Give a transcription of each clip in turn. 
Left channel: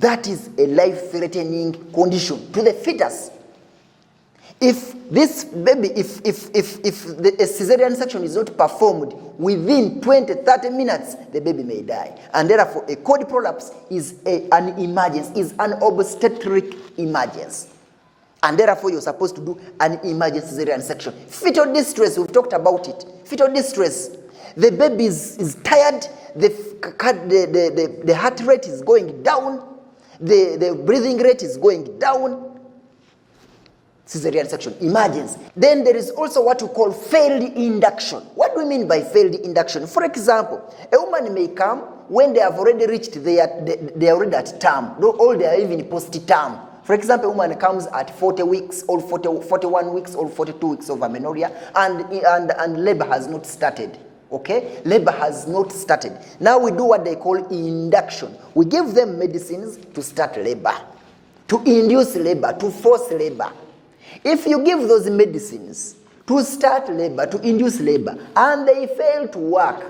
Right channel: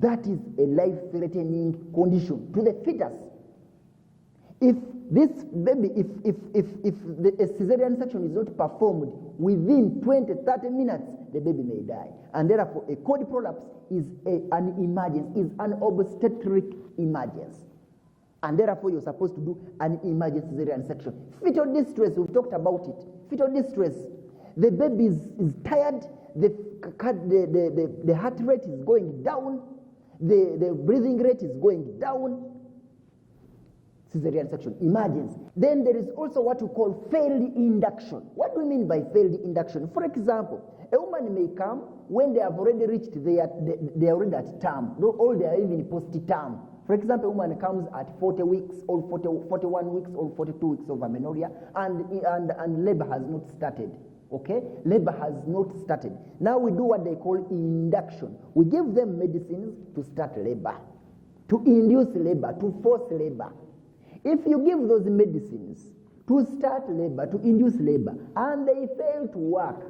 that is a life-threatening condition to the fetus. If this baby, if the cesarean section is not performed within 20-30 minutes, the baby may die. And therefore, a cord prolapse is an emergency, is an obstetric emergency. And therefore, you're supposed to do an emergency cesarean section. Fetal distress, we've talked about it. Fetal distress, the baby is tired, the heart rate is going down, the breathing rate is going down. Cesarean section, emergency. Then there is also what we call failed induction. What do we mean by failed induction? For example, a woman may come when they have already reached they are already at term, or they are even post-term. For example, a woman comes at 40 weeks or 41 weeks or 42 weeks of amenorrhea and labor has not started. Okay? Labor has not started. Now we do what they call induction. We give them medicines to start labor, to induce labor, to force labor. If you give those medicines to start labor, to induce labor, and they fail to work,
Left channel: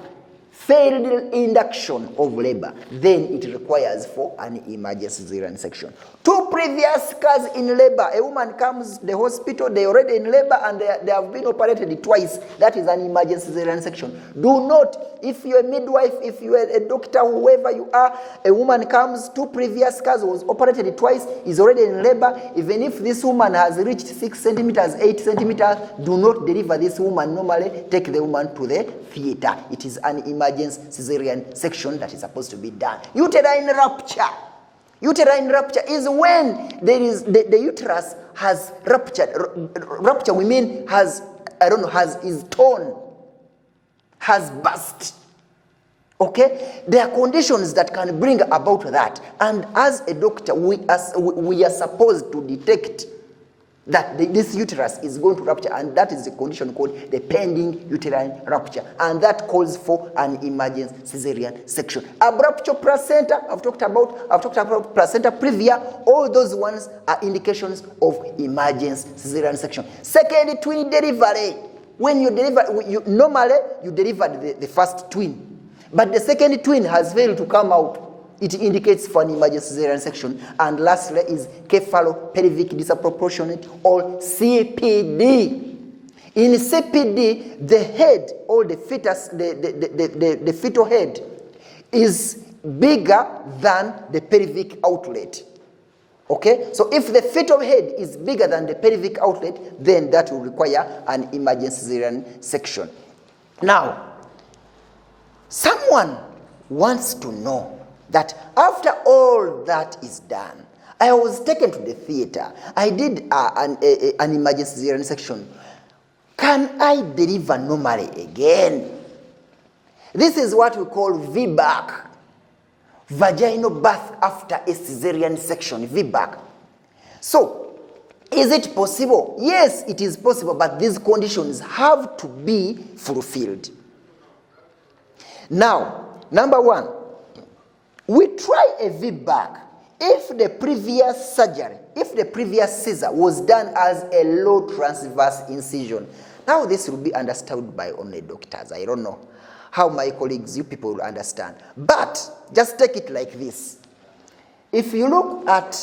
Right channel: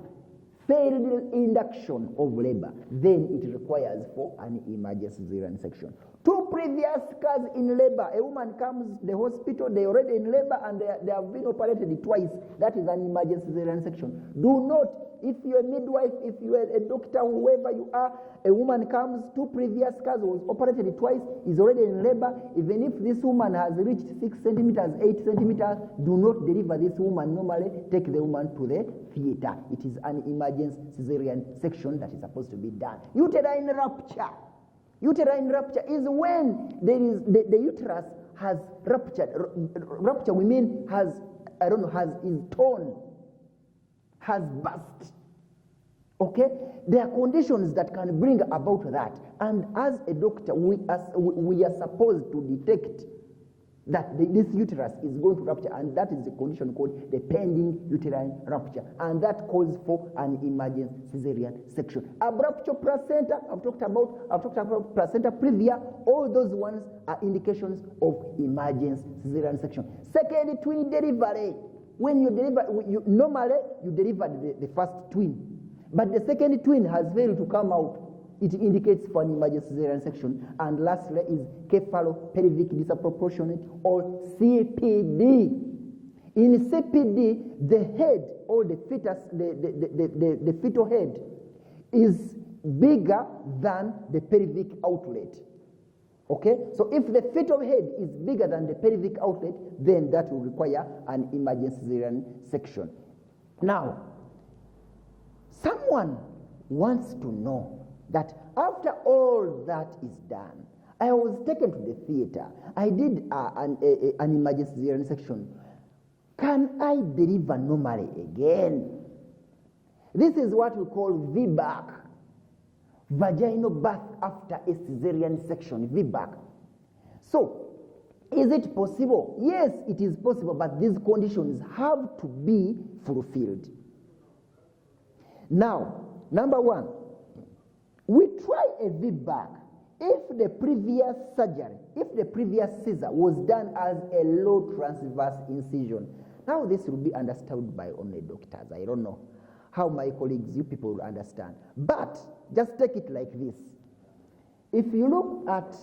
failed induction of labor, then it requires for an emergency cesarean section. 2 previous scars in labor. A woman comes to the hospital, they're already in labor and they have been operated twice. That is an emergency cesarean section. Do not, if you're a midwife, if you're a doctor, whoever you are, a woman comes, 2 previous scars, was operated twice, is already in labor. Even if this woman has reached 6 centimeters, 8 centimeters, do not deliver this woman normally. Take the woman to the theater. It is an emergency cesarean section that is supposed to be done. Uterine rupture. Uterine rupture is when there is the uterus has ruptured. Rupture we mean is torn, has burst. Okay, there are conditions that can bring about that, and as a doctor, we are supposed to detect that this uterus is going to rupture, and that is the condition called the pending uterine rupture, and that calls for an emergency cesarean section. Abruptio placenta, I've talked about placenta previa. All those ones are indications of emergency cesarean section. Second twin delivery. When you deliver, normally you delivered the first twin, but the second twin has failed to come out. It indicates for an emergency cesarean section. And lastly is cephalopelvic disproportionate, or CPD. In CPD, the head or the fetus, the fetal head is bigger than the pelvic outlet. Okay? So if the fetal head is bigger than the pelvic outlet, then that will require an emergency cesarean section. Now, someone wants to know that after all that is done, I was taken to the theater. I did an emergency cesarean section. Can I deliver normally again? This is what we call VBAC, vaginal birth after a cesarean section, VBAC. So, is it possible? Yes, it is possible, but these conditions have to be fulfilled. Now, number one, we try a VBAC if the previous surgery, if the previous Caesar was done as a low transverse incision. Now this will be understood by only doctors. I don't know how my colleagues, you people will understand. But just take it like this. If you look at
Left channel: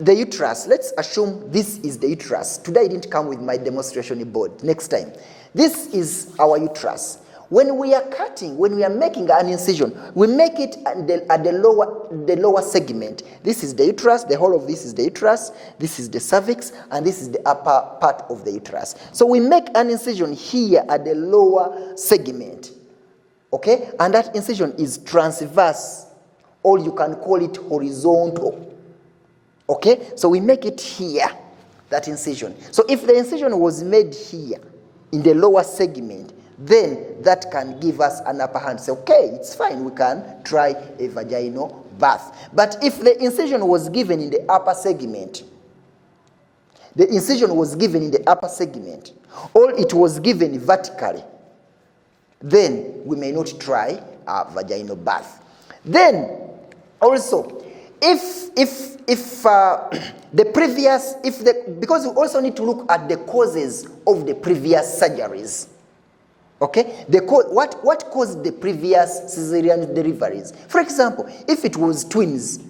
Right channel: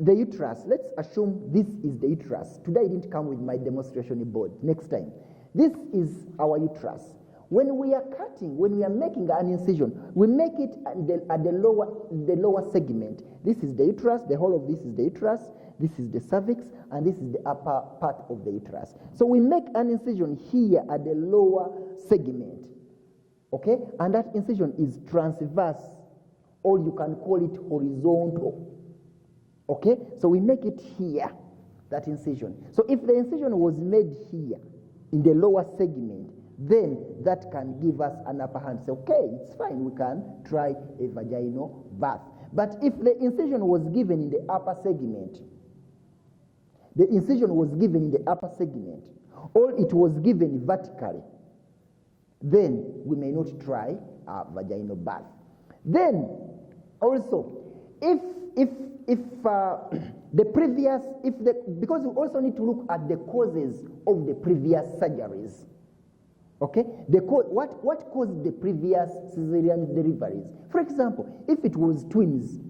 the uterus, let's assume this is the uterus. Today I didn't come with my demonstration board. Next time. This is our uterus. When we are cutting, when we are making an incision, we make it at the lower segment. This is the uterus, the whole of this is the uterus, this is the cervix, and this is the upper part of the uterus. So we make an incision here at the lower segment, okay? And that incision is transverse, or you can call it horizontal, okay? So we make it here, that incision. So if the incision was made here, in the lower segment, then that can give us an upper hand. Say, okay, it's fine, we can try a vaginal birth. But if the incision was given in the upper segment, or it was given vertically, then we may not try a vaginal birth. Then, also, because we also need to look at the causes of the previous surgeries. Okay, what caused the previous cesarean deliveries? For example, if it was twins,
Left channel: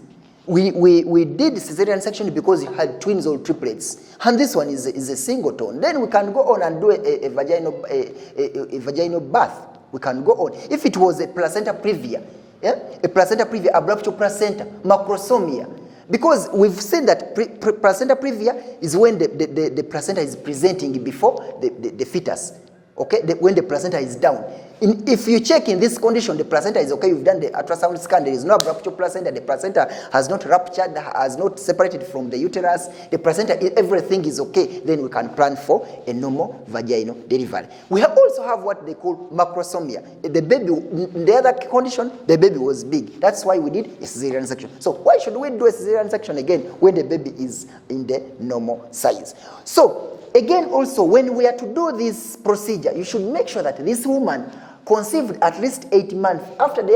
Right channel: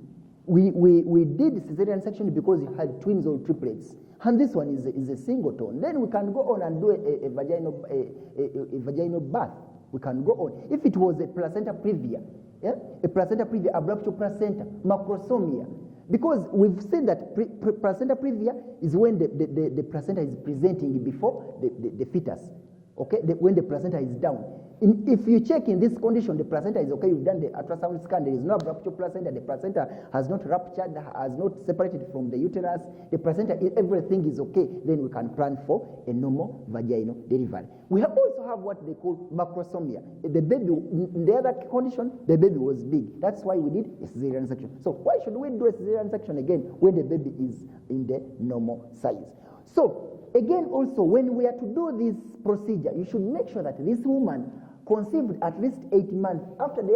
We did cesarean section because you had twins or triplets, and this one is a singleton. Then we can go on and do a vaginal birth. We can go on. If it was a placenta previa, a placenta previa, abruptio placenta, macrosomia, because we've seen that placenta previa is when the placenta is presenting before the fetus. Okay, when the placenta is down. If you check in this condition, the placenta is okay, you've done the ultrasound scan, there is no abruptio placenta, the placenta has not ruptured, has not separated from the uterus, the placenta, everything is okay, then we can plan for a normal vaginal delivery. We also have what they call macrosomia. The baby, in the other condition, the baby was big. That's why we did a cesarean section. So why should we do a cesarean section again when the baby is in the normal size? So, again, also, when we are to do this procedure, you should make sure that this woman conceived at least 8 months after the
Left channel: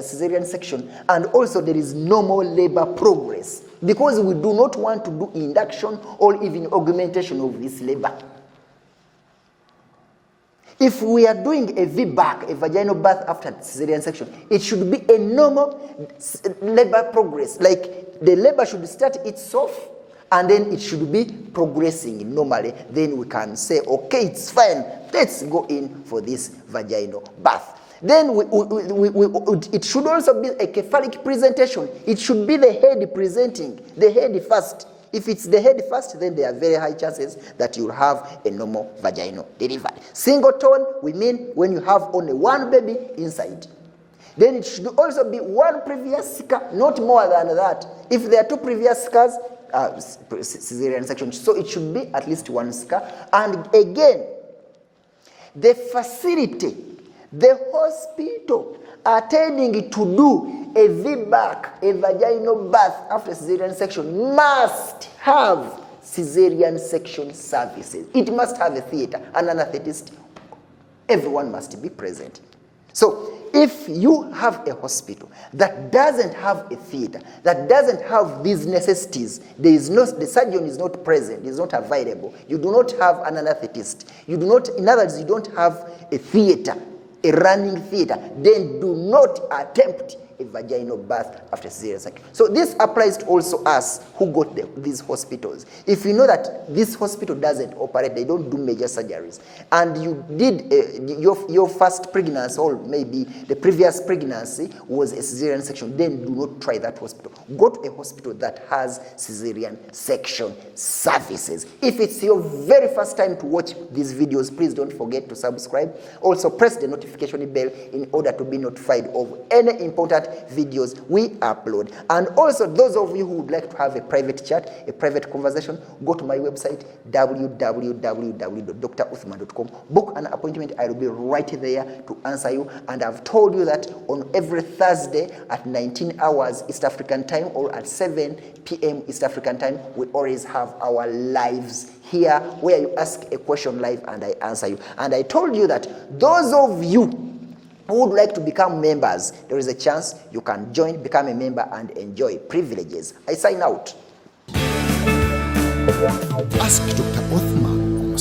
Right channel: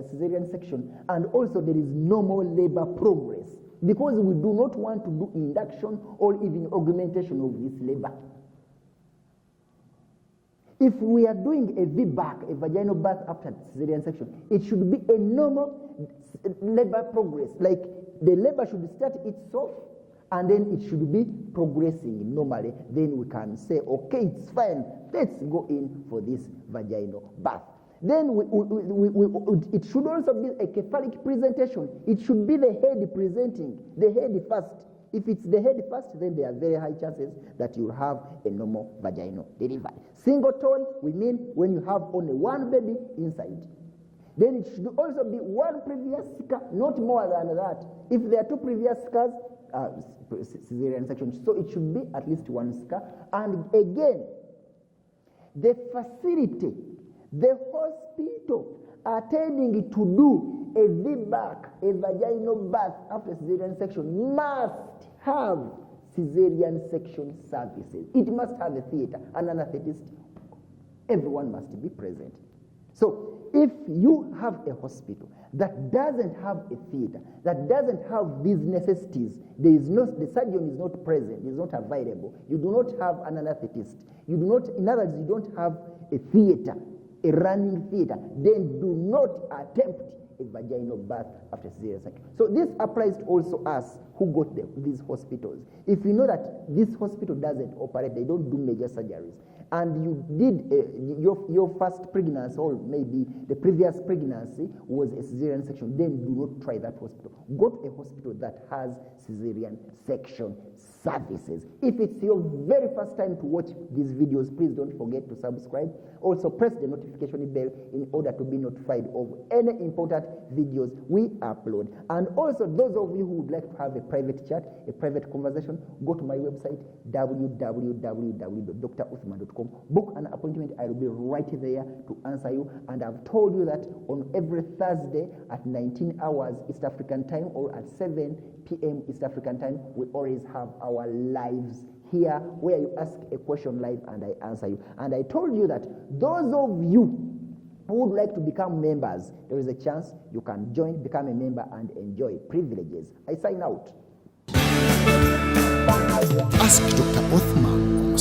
cesarean section, and also there is normal labor progress, because we do not want to do induction or even augmentation of this labor. If we are doing a VBAC, a vaginal birth after cesarean section, it should be a normal labor progress. Like the labor should start itself, and then it should be progressing normally. Then we can say, okay, it's fine. Let's go in for this vaginal birth. Then it should also be a cephalic presentation. It should be the head presenting, the head first. If it's the head first, then there are very high chances that you'll have a normal vaginal delivery. Singleton, we mean when you have only one baby inside. Then it should also be one previous scar, not more than that. If there are 2 previous scars, cesarean section, so it should be at least 1 scar. And again, the facility, the hospital attending to do a VBAC, a vaginal birth after cesarean section, must have cesarean section services. It must have a theater, an anesthetist. Everyone must be present. So if you have a hospital that doesn't have a theater, that doesn't have these necessities, the surgeon is not present, is not available, you do not have an anesthetist, in other words, you don't have a theater, a running theater, then do not attempt a vaginal birth after cesarean section. So this applies to also us who got these hospitals. If you know that this hospital doesn't operate, they don't do major surgeries, and you did your first pregnancy, or maybe the previous pregnancy was a cesarean section, then do not try that hospital. Go to a hospital that has cesarean section services. If it's your very first time to watch these videos, please don't forget to subscribe. Also press the notification bell in order to be notified of any important videos we upload. And also, those of you who would like to have a private chat, a private conversation, go to my website www.druthman.com. Book an appointment. I will be right there to answer you. And I've told you that on every Thursday at 19 hours East African time, or at 7 p.m. East African time, we always have our lives here where you ask a question live and I answer you. And I told you that those of you who would like to become members, there is a chance you can join, become a member, and enjoy privileges. I sign out. Ask Dr. Othman on